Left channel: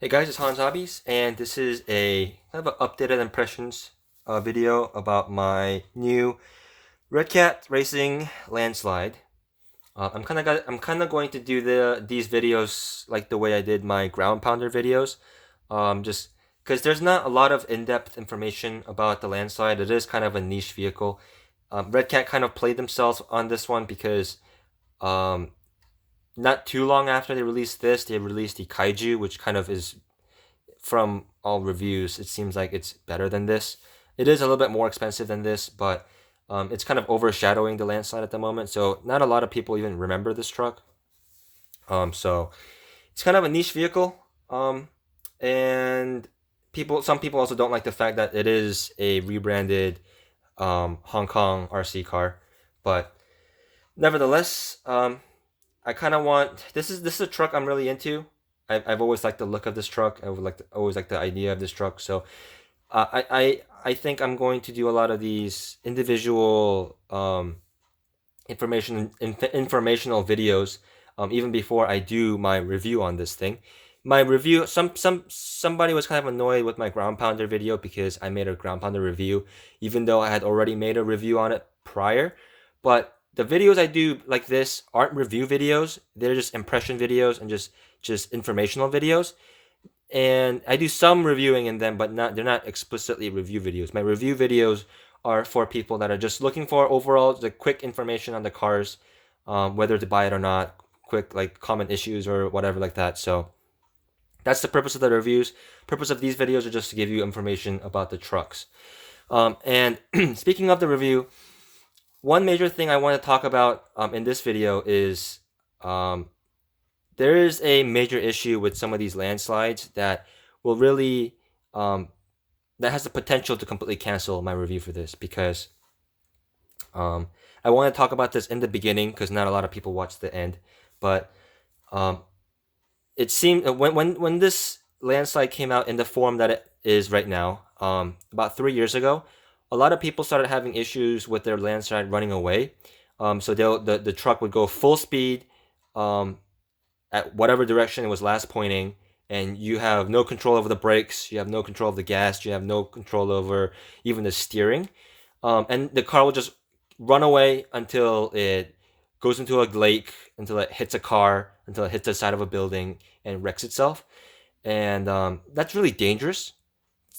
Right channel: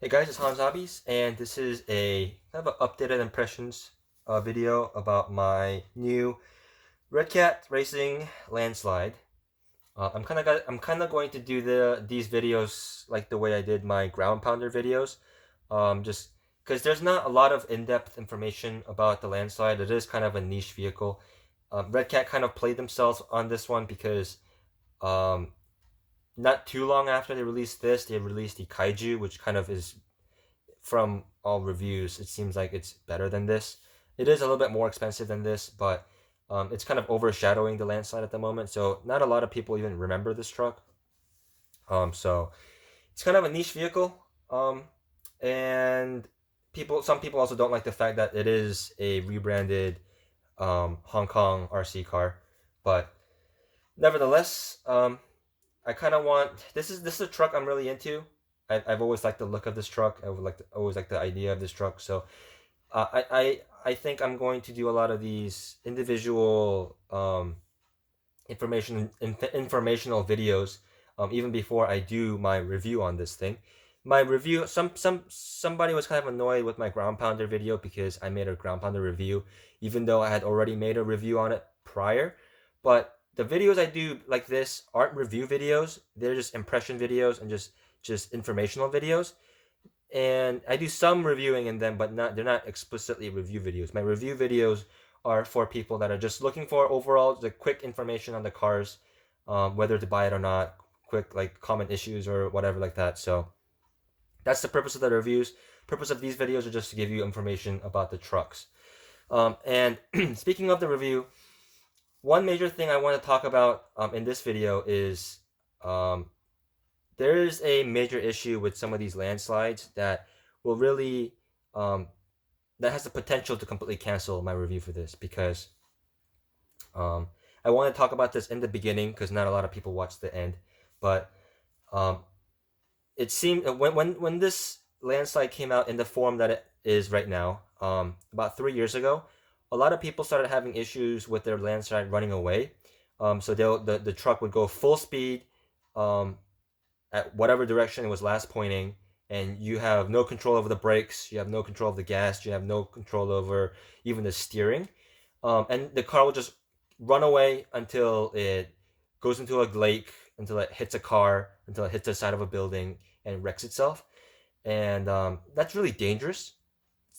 Hey guys, it's Hans Hobbies, and this is a kind of an updated impressions video about my new Redcat Racing Landslide. I'm kind of going to do these videos like the way I did my ground pounder videos, just because there's not a lot of in-depth information about the Landslide. It is kind of a niche vehicle. Redcat kind of played themselves on this one because um, not too long after they released this, they released the Kaiju, which kind of is from all reviews, it seems like it's better than this. It is a little bit more expensive than this, but it's kind of overshadowing the Landslide at the moment. So not a lot of people even remember this truck. So it's kind of a niche vehicle. And some people also don't like the fact that it is a rebranded Hong Kong RC car, but nevertheless, I kind of want this is a truck I'm really into. I've always liked the look of this truck. I would like to, always like the idea of this truck. So I think I'm going to do a lot of these individual informational videos even before I do my review on this thing. My review somebody was kind of annoyed with my ground pounder video because I made a ground pounder review even though I had already made a review on it prior. But the videos I do like this aren't review videos. They're just impression videos and just informational videos. And I do some reviewing in them, but not they're not explicitly review videos. My review videos are for people that are just looking for overall the quick information on the cars, whether to buy it or not, quick like common issues or whatever like that. So that's the purpose of the reviews. Purpose of these videos are just to give you information about the trucks. And speaking of the review, one major thing I want to talk about in this video is um, there is a major issue with some of these landslides that will really um, that has the potential to completely cancel my review for this because um, I want to talk about this in the beginning because not a lot of people watch the end, but um, it seemed when this landslide came out in the form that it is right now, about 3 years ago, a lot of people started having issues with their landslide running away. So the truck would go full speed um, at whatever direction it was last pointing, and you have no control over the brakes, you have no control of the gas, you have no control over even the steering, and the car will just run away until it goes into a lake, until it hits a car, until it hits the side of a building and wrecks itself, and that's really dangerous.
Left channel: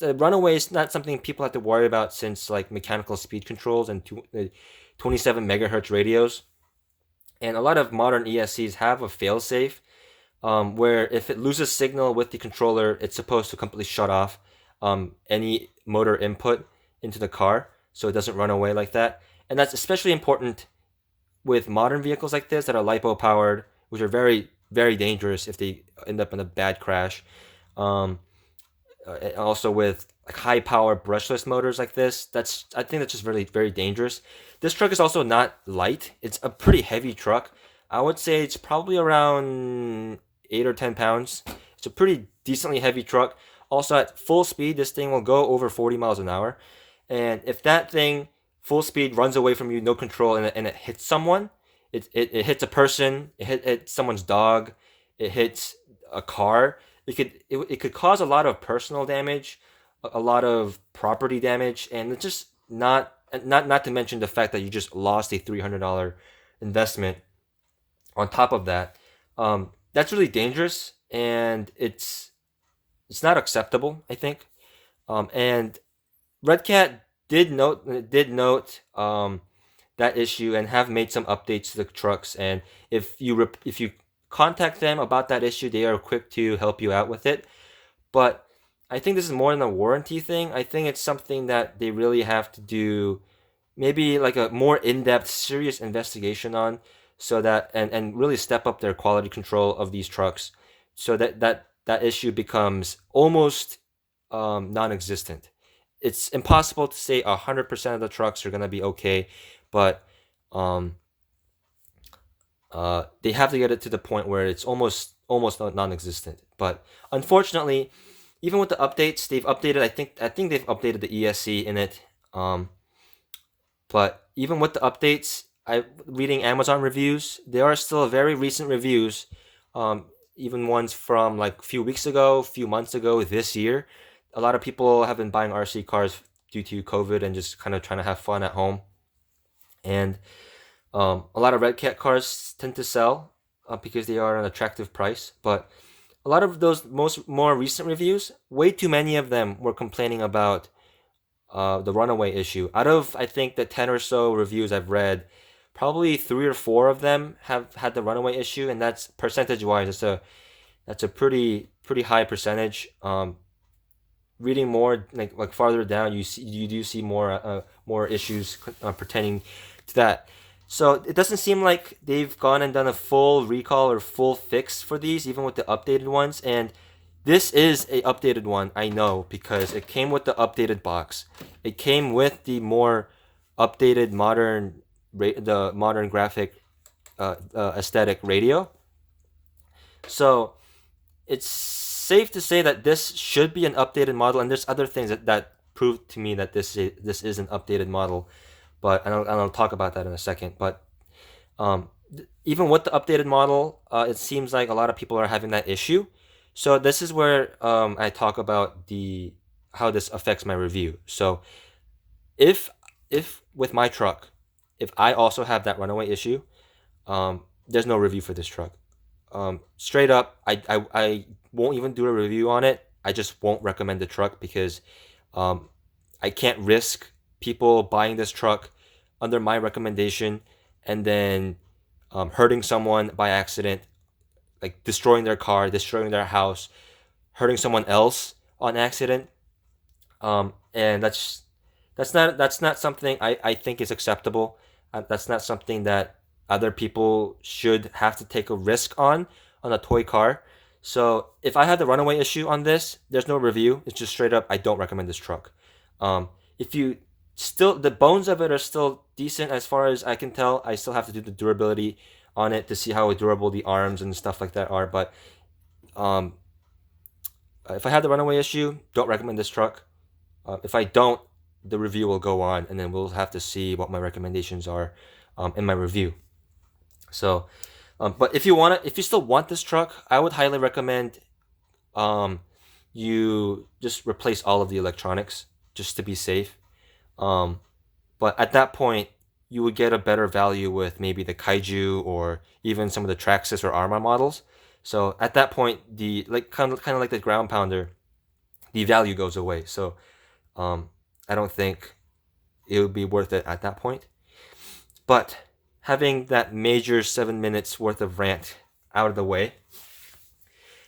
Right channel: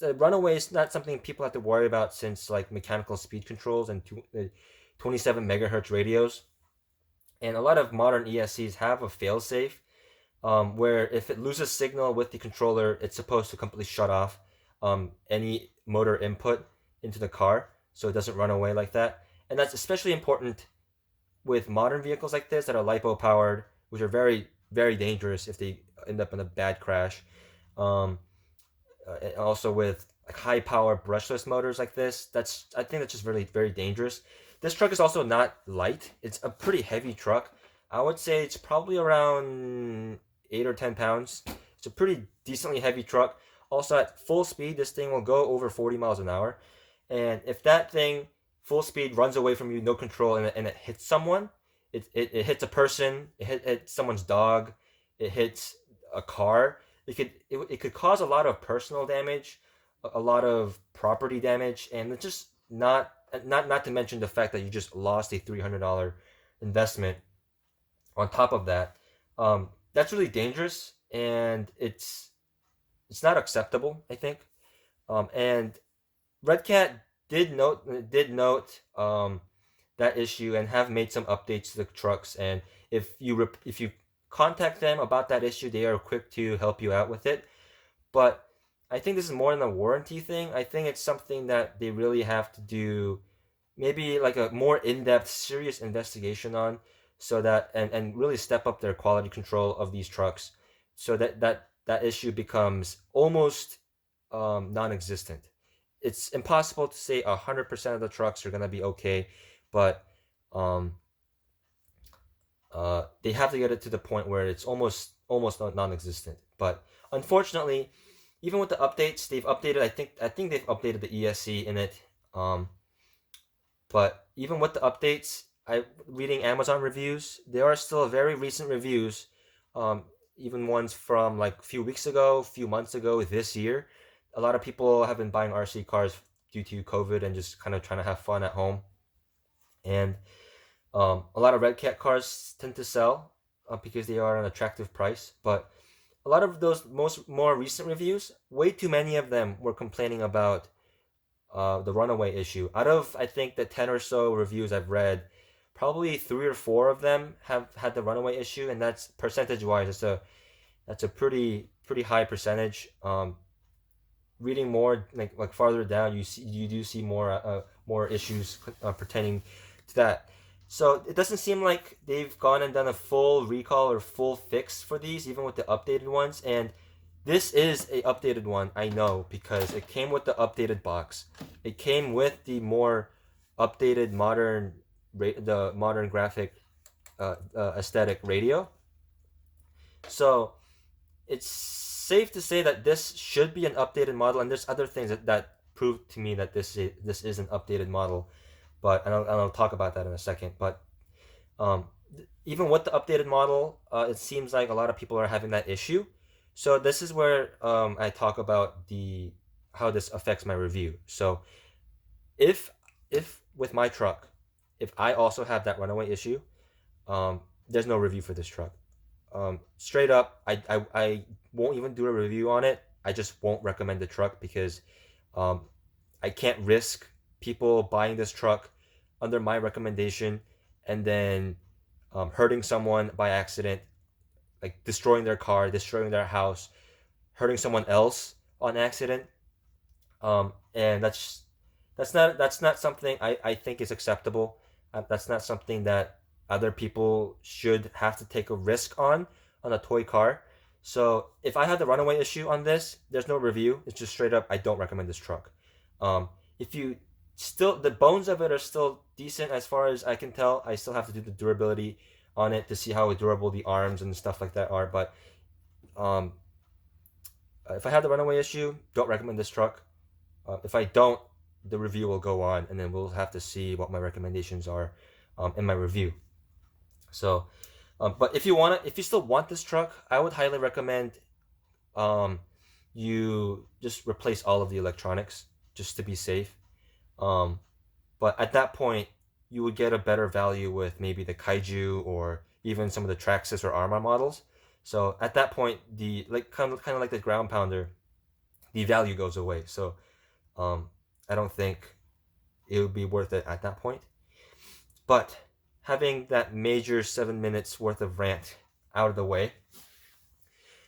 The runaway is not something people have to worry about since like mechanical speed controls and 27 megahertz radios, and a lot of modern ESCs have a failsafe where if it loses signal with the controller, it's supposed to completely shut off any motor input into the car so it doesn't run away like that. And that's especially important with modern vehicles like this that are lipo powered, which are very, very dangerous if they end up in a bad crash. Um, Also with like high power brushless motors like this, I think that's just really very dangerous. This truck is also not light. It's a pretty heavy truck. I would say it's probably around 8 or 10 pounds. It's a pretty decently heavy truck. Also at full speed, this thing will go over 40 miles an hour. And if that thing full speed runs away from you, no control, and it hits someone, it hits a person, hits someone's dog, it hits a car, it could cause a lot of personal damage, a lot of property damage, and it's just not to mention the fact that you just lost a $300 investment on top of that. That's really dangerous, and it's not acceptable, I think. And Redcat did note that issue and have made some updates to the trucks. And if you contact them about that issue, they are quick to help you out with it. But I think this is more than a warranty thing. I think it's something that they really have to do, maybe like a more in-depth, serious investigation on, so that and really step up their quality control of these trucks, so that issue becomes almost non-existent. It's impossible to say 100% of the trucks are gonna be okay, but um, they have to get it to the point where it's almost non-existent. But unfortunately, even with the updates, they've updated. I think they've updated the ESC in it. But even with the updates, I reading Amazon reviews, there are still very recent reviews. Um, even ones from like a few weeks ago, a few months ago, this year. A lot of people have been buying RC cars due to COVID and just kind of trying to have fun at home. And a lot of Redcat cars tend to sell because they are an attractive price. But a lot of those more recent reviews, way too many of them were complaining about the runaway issue. Out of I think the 10 or so reviews I've read, probably 3 or 4 of them have had the runaway issue, and that's percentage wise. That's a pretty high percentage. Reading more like farther down, you do see more issues pertaining to that. So it doesn't seem like they've gone and done a full recall or full fix for these, even with the updated ones. And this is a updated one, I know, because it came with the updated box. It came with the more updated the modern graphic aesthetic radio. So it's safe to say that this should be an updated model, and there's other things that prove to me that this is an updated model, but I'll talk about that in a second. But even with the updated model, it seems like a lot of people are having that issue. So this is where I talk about the how this affects my review. So if with my truck, if I also have that runaway issue, there's no review for this truck. Straight up, I won't even do a review on it. I just won't recommend the truck because I can't risk people buying this truck under my recommendation and then hurting someone by accident, like destroying their car, destroying their house, hurting someone else on accident. And that's not something I think is acceptable. That's not something that other people should have to take a risk on a toy car. So if I had the runaway issue on this, there's no review. It's just straight up, I don't recommend this truck. If you still, the bones of it are still decent as far as I can tell. I still have to do the durability on it to see how durable the arms and stuff like that are. But um, if I had the runaway issue, don't recommend this truck. If I don't, the review will go on, and then we'll have to see what my recommendations are in my review. So, but if you still want this truck, I would highly recommend you just replace all of the electronics just to be safe. Um, but at that point, you would get a better value with maybe the Kaiju or even some of the Traxxas or Arma models. So at that point, the like kind of like the ground pounder, the value goes away. So I don't think it would be worth it at that point. But having that major 7 minutes worth of rant out of the way,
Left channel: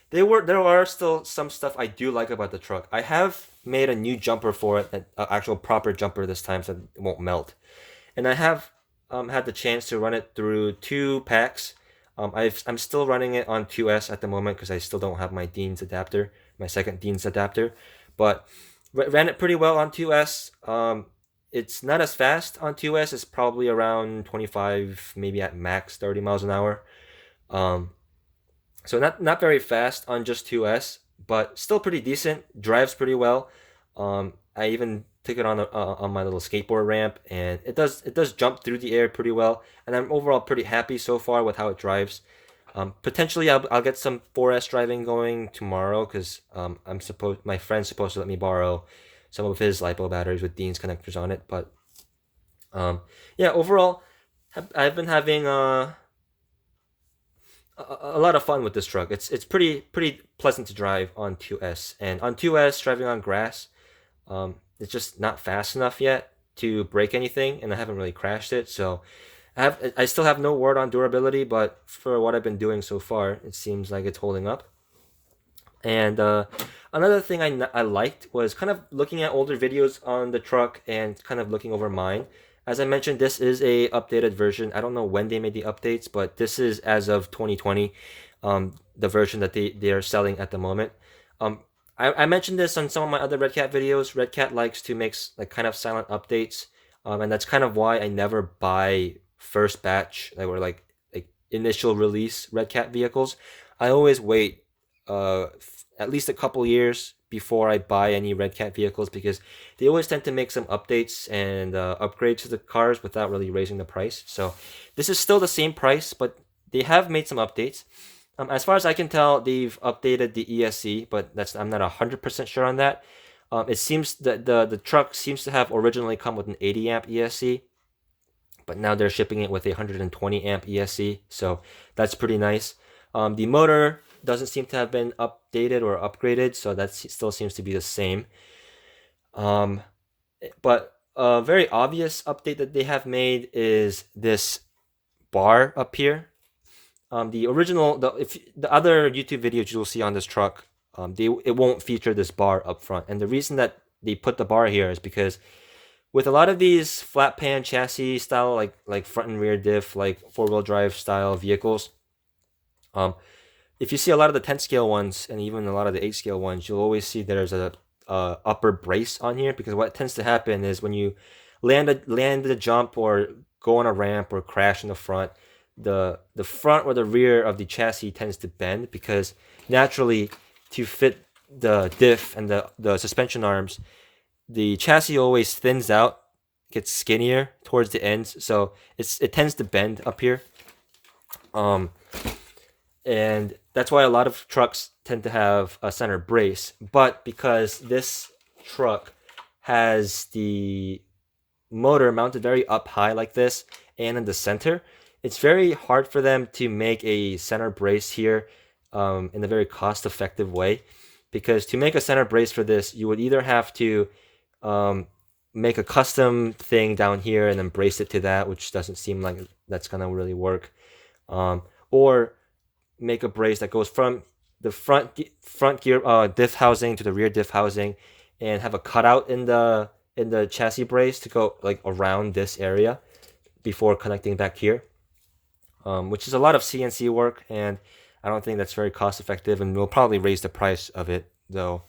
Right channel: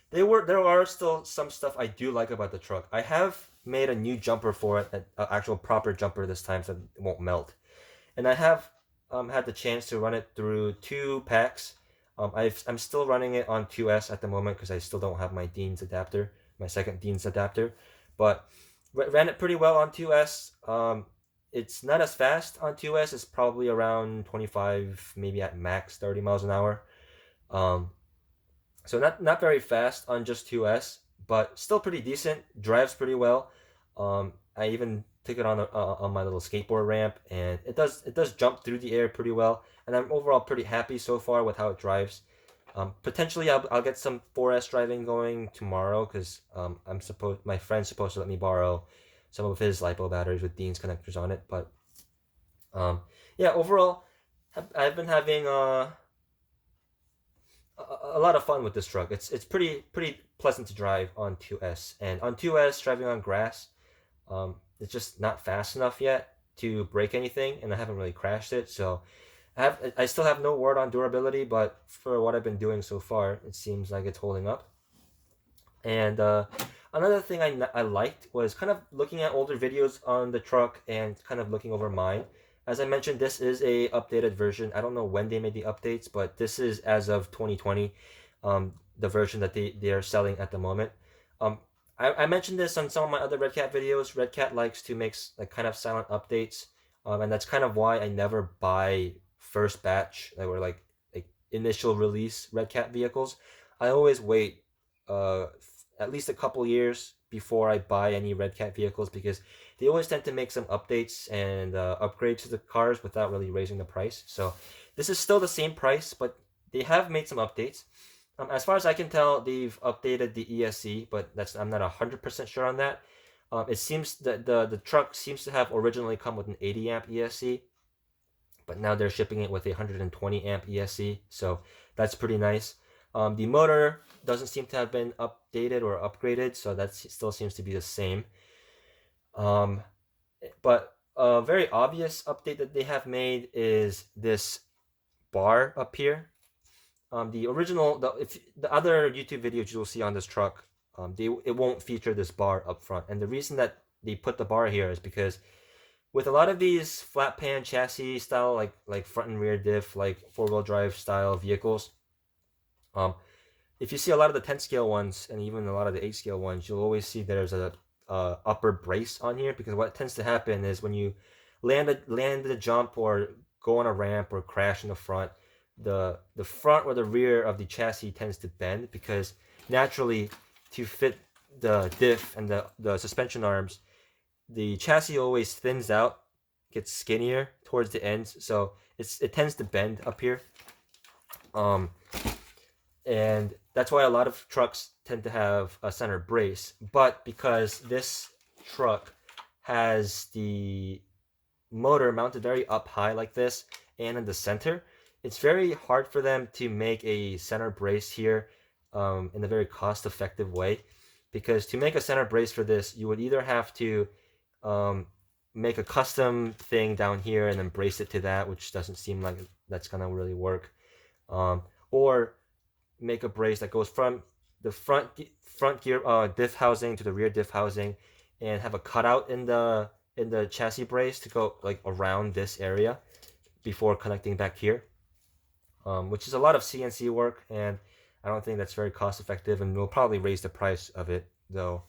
there are still some stuff I do like about the truck. I have made a new jumper for it, an actual proper jumper this time, so it won't melt. And I have had the chance to run it through 2 packs. I'm still running it on 2S at the moment because I still don't have my Dean's adapter, my second Dean's adapter. But ran it pretty well on 2S. It's not as fast on 2S. It's probably around 25, maybe at max 30 miles an hour. So not very fast on just 2S, but still pretty decent. Drives pretty well. I even took it on my little skateboard ramp, and it does jump through the air pretty well. And I'm overall pretty happy so far with how it drives. Potentially I'll get some 4S driving going tomorrow because my friend's supposed to let me borrow some of his LiPo batteries with Dean's connectors on it. But yeah, overall I've been having a lot of fun with this truck. It's pretty pleasant to drive on 2S, and on 2S driving on grass, it's just not fast enough yet to break anything, and I haven't really crashed it. So I still have no word on durability, but for what I've been doing so far, it seems like it's holding up. And another thing I liked was kind of looking at older videos on the truck and kind of looking over mine. As I mentioned, this is a updated version. I don't know when they made the updates, but this is as of 2020, the version that they are selling at the moment. I mentioned this on some of my other Redcat videos. Redcat likes to make like kind of silent updates, and that's kind of why I never buy first batch like initial release Redcat vehicles. I always wait at least a couple years before I buy any Redcat vehicles because they always tend to make some updates and upgrades to the cars without really raising the price. So this is still the same price, but they have made some updates. As far as I can tell, they've updated the ESC, but I'm not 100% sure on that. It seems that the truck seems to have originally come with an 80 amp ESC, but now they're shipping it with a 120 amp ESC, so that's pretty nice. The motor doesn't seem to have been updated or upgraded, so that still seems to be the same. But a very obvious update that they have made is this bar up here. The original, if the other YouTube videos you'll see on this truck, it won't feature this bar up front, and the reason that they put the bar here is because with a lot of these flat pan chassis style, like front and rear diff, like 4-wheel drive style vehicles, um, if you see a lot of the 10 scale ones and even a lot of the 8 scale ones, you'll always see there's a upper brace on here, because what tends to happen is when you land a jump or go on a ramp or crash in the front, the front or the rear of the chassis tends to bend, because naturally to fit the diff and the suspension arms, the chassis always thins out, gets skinnier towards the ends, so it tends to bend up here. And that's why a lot of trucks tend to have a center brace. But because this truck has the motor mounted very up high like this and in the center, it's very hard for them to make a center brace here in a very cost-effective way. Because to make a center brace for this, you would either have to make a custom thing down here and then brace it to that, which doesn't seem like that's gonna really work, or make a brace that goes from the front gear diff housing to the rear diff housing, and have a cutout in the chassis brace to go like around this area before connecting back here, which is a lot of CNC work, and I don't think that's very cost effective, and will probably raise the price of it, though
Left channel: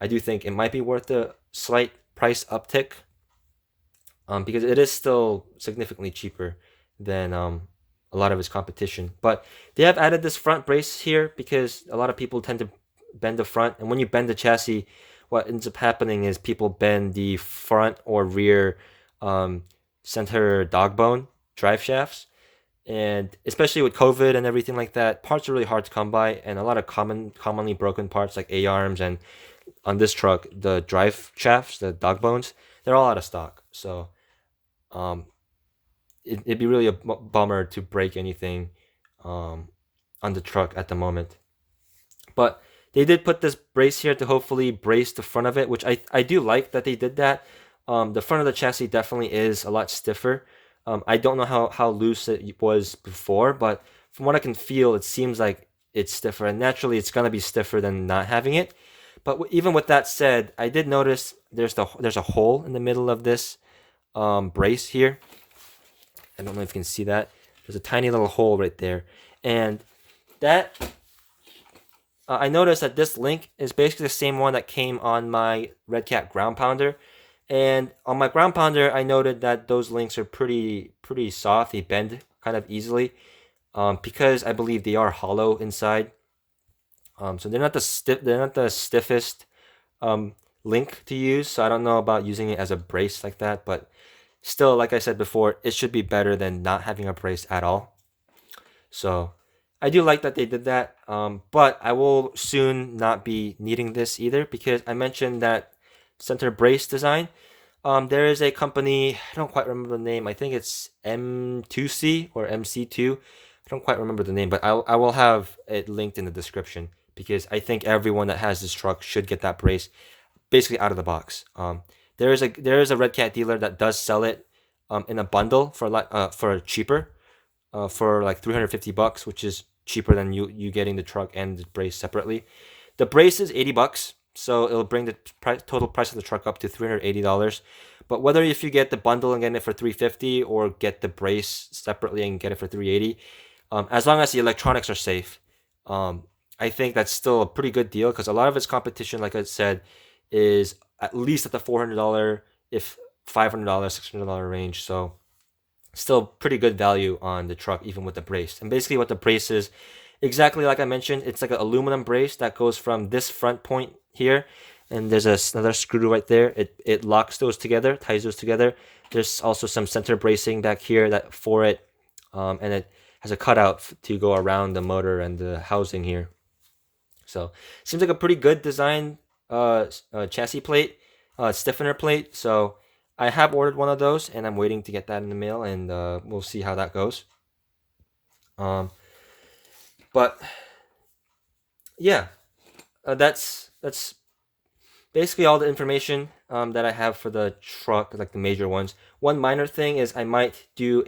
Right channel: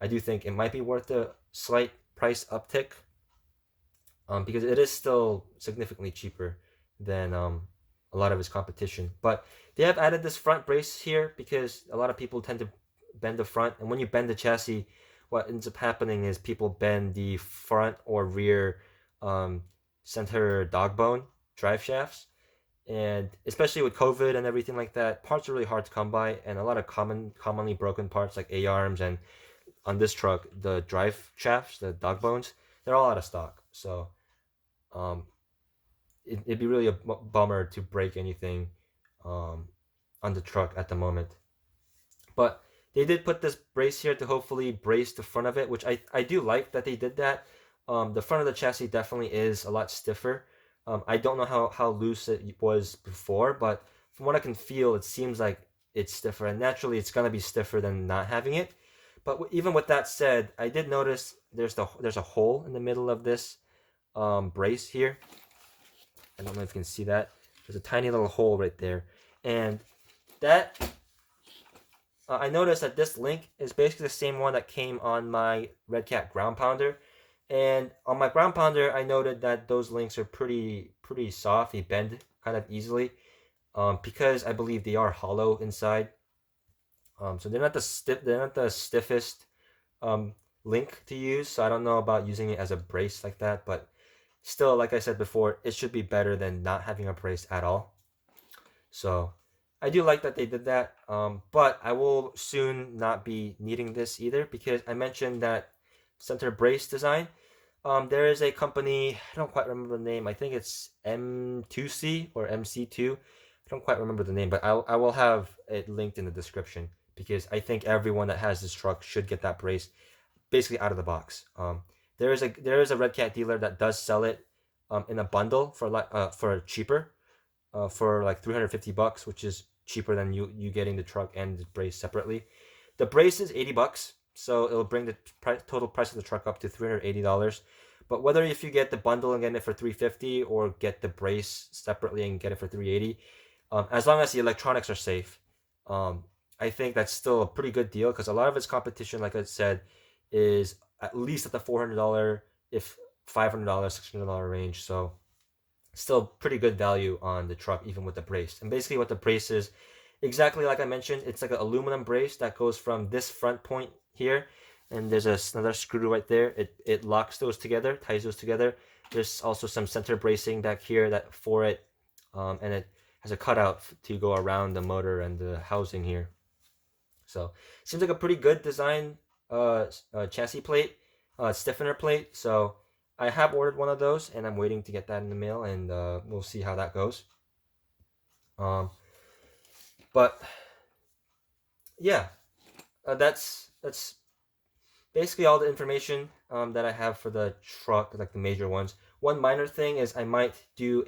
I do think it might be worth a slight price uptick, because it is still significantly cheaper than a lot of its competition. But they have added this front brace here because a lot of people tend to bend the front, and when you bend the chassis, what ends up happening is people bend the front or rear center dog bone drive shafts, and especially with COVID and everything like that, parts are really hard to come by, and a lot of commonly broken parts like A-arms, and on this truck the drive shafts, the dog bones, they're all out of stock. So it'd be really a bummer to break anything on the truck at the moment. But they did put this brace here to hopefully brace the front of it, which I do like that they did that. The front of the chassis definitely is a lot stiffer. I don't know how loose it was before, but from what I can feel, it seems like it's stiffer, and naturally it's gonna be stiffer than not having it. But even with that said, I did notice there's a hole in the middle of this brace here. I don't know if you can see that. There's a tiny little hole right there, and that I noticed that this link is basically the same one that came on my Redcat ground pounder. And on my ground pounder, I noted that those links are pretty soft. They bend kind of easily, because I believe they are hollow inside. So they're not the stiffest link to use. So I don't know about using it as a brace like that, but still, like I said before, it should be better than not having a brace at all. So I do like that they did that, but I will soon not be needing this either, because I mentioned that center brace design. There is a company, I don't quite remember the name. I think it's M2C or MC2. I don't quite remember the name, but I will have it linked in the description, because I think everyone that has this truck should get that brace basically out of the box. There is a Redcat dealer that does sell it in a bundle for cheaper, for like $350, which is cheaper than you getting the truck and the brace separately. The brace is $80, so it'll bring the total price of the truck up to $380. But whether if you get the bundle and get it for $350 or get the brace separately and get it for $380, as long as the electronics are safe, I think that's still a pretty good deal, because a lot of its competition, like I said, is at least at the $400, if $500, $600 range. So still pretty good value on the truck, even with the brace. And basically what the brace is, exactly like I mentioned, it's like an aluminum brace that goes from this front point here, and there's another screw right there. It locks those together, ties those together. There's also some center bracing back here that for it, and it has a cutout to go around the motor and the housing here. So seems like a pretty good design chassis plate, stiffener plate. So I have ordered one of those, and I'm waiting to get that in the mail, and we'll see how that goes. But yeah, that's basically all the information that I have for the truck, like the major ones. One minor thing is I might do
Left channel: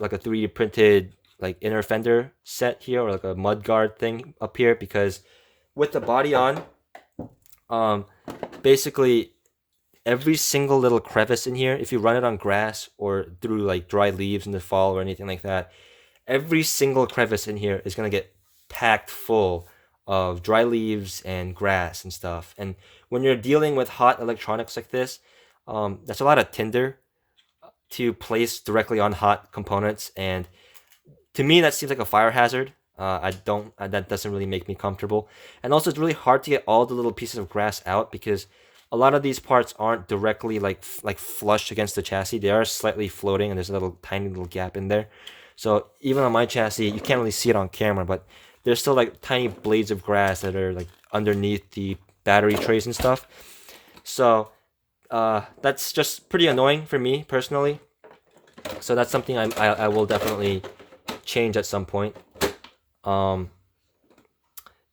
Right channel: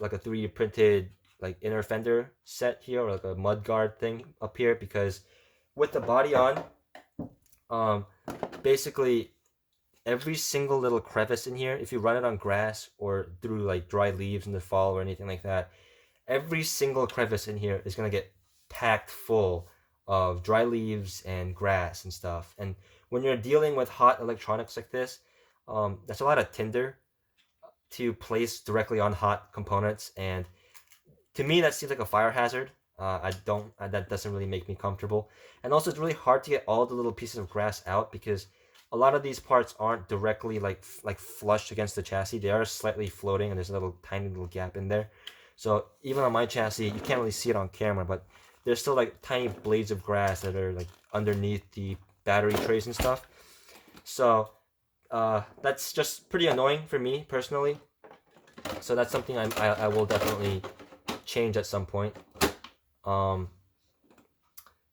like a 3D printed like inner fender set here, or like a mud guard thing up here, because with the body on, basically every single little crevice in here, if you run it on grass or through like dry leaves in the fall or anything like that, every single crevice in here is gonna get packed full of dry leaves and grass and stuff. And when you're dealing with hot electronics like this, that's a lot of tinder to place directly on hot components, and to me that seems like a fire hazard. I don't that doesn't really make me comfortable. And also it's really hard to get all the little pieces of grass out, because a lot of these parts aren't directly like flush against the chassis. They are slightly floating, and there's a little tiny little gap in there. So even on my chassis, you can't really see it on camera, but there's still like tiny blades of grass that are like underneath the battery trays and stuff. So that's just pretty annoying for me personally. So that's something I will definitely change at some point.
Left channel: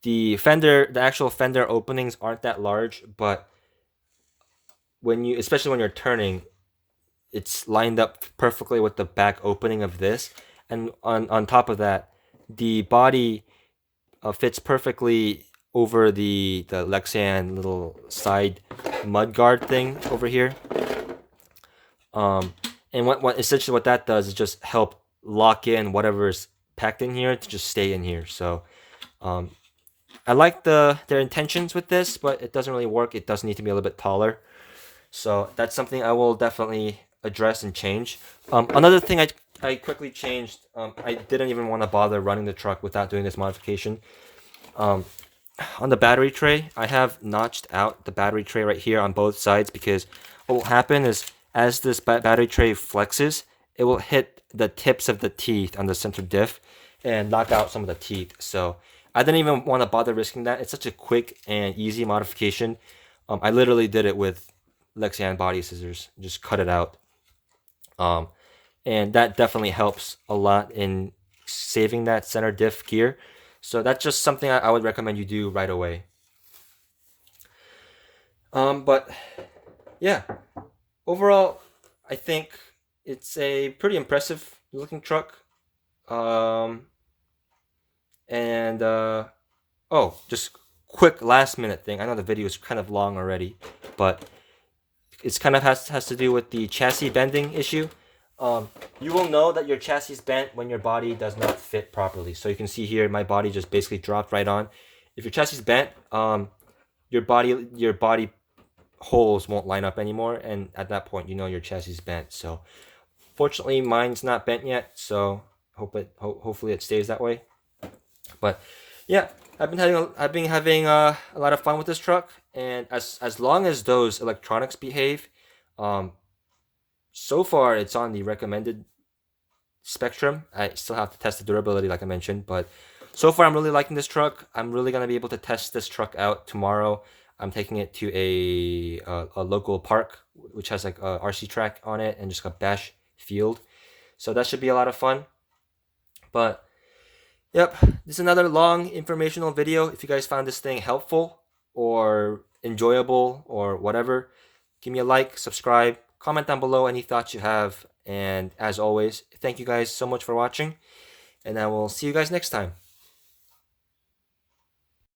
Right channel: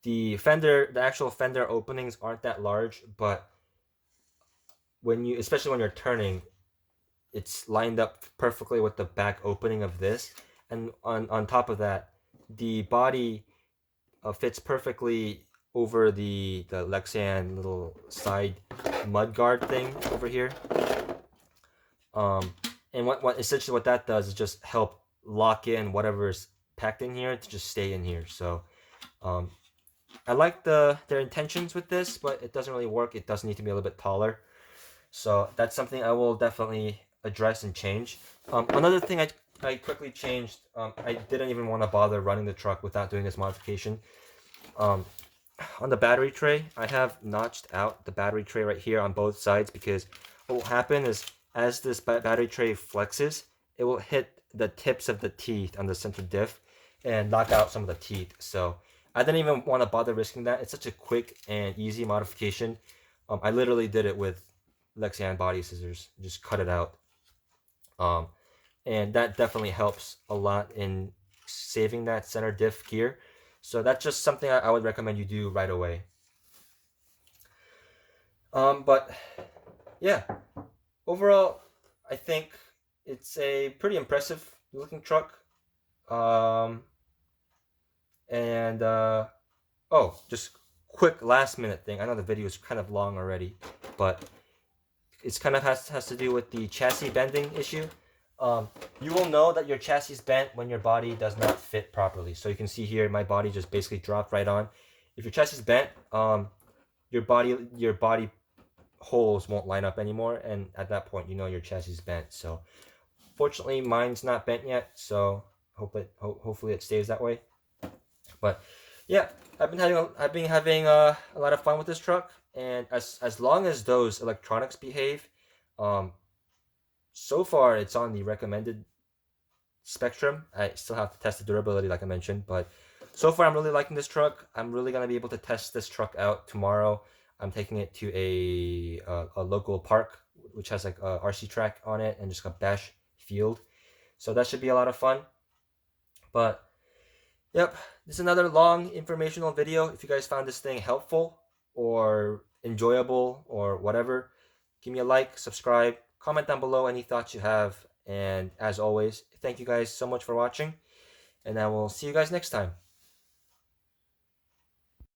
The actual fender openings aren't that large, but especially when you're turning, it's lined up perfectly with the back opening of this. And on top of that, the body fits perfectly over the Lexan little side mud guard thing over here. And what essentially what that does is just help lock in whatever's packed in here to just stay in here. So I like their intentions with this, but it doesn't really work. It does need to be a little bit taller. So that's something I will definitely address and change. Another thing I quickly changed, I didn't even want to bother running the truck without doing this modification. On the battery tray, I have notched out the battery tray right here on both sides, because what will happen is as this battery tray flexes, it will hit the tips of the teeth on the center diff and knock out some of the teeth. So I didn't even want to bother risking that. It's such a quick and easy modification. I literally did it with Lexan body scissors, just cut it out. And that definitely helps a lot in saving that center diff gear. So that's just something I would recommend you do right away. But yeah, overall, I think it's a pretty impressive looking truck. Just quick last minute thing. I know the video is kind of long already, but it's kind of has to do with the chassis bending issue. You will know that your chassis is bent when your body does not fit properly. So you can see here, my body just basically dropped right on. If your chassis is bent, your body holes won't line up anymore, and at that point, you know your chassis is bent. So fortunately, mine's not bent yet, so hopefully it stays that way. But yeah, I've been having a lot of fun with this truck, and as long as those electronics behave, so far it's on the recommended spectrum. I still have to test the durability, like I mentioned, but so far I'm really liking this truck. I'm really gonna be able to test this truck out tomorrow. I'm taking it to a local park, which has like a RC track on it and just a bash field. So that should be a lot of fun. But yep, this is another long informational video. If you guys found this thing helpful or enjoyable or whatever, give me a like, subscribe, comment down below any thoughts you have. And as always, thank you guys so much for watching, and I will see you guys next time.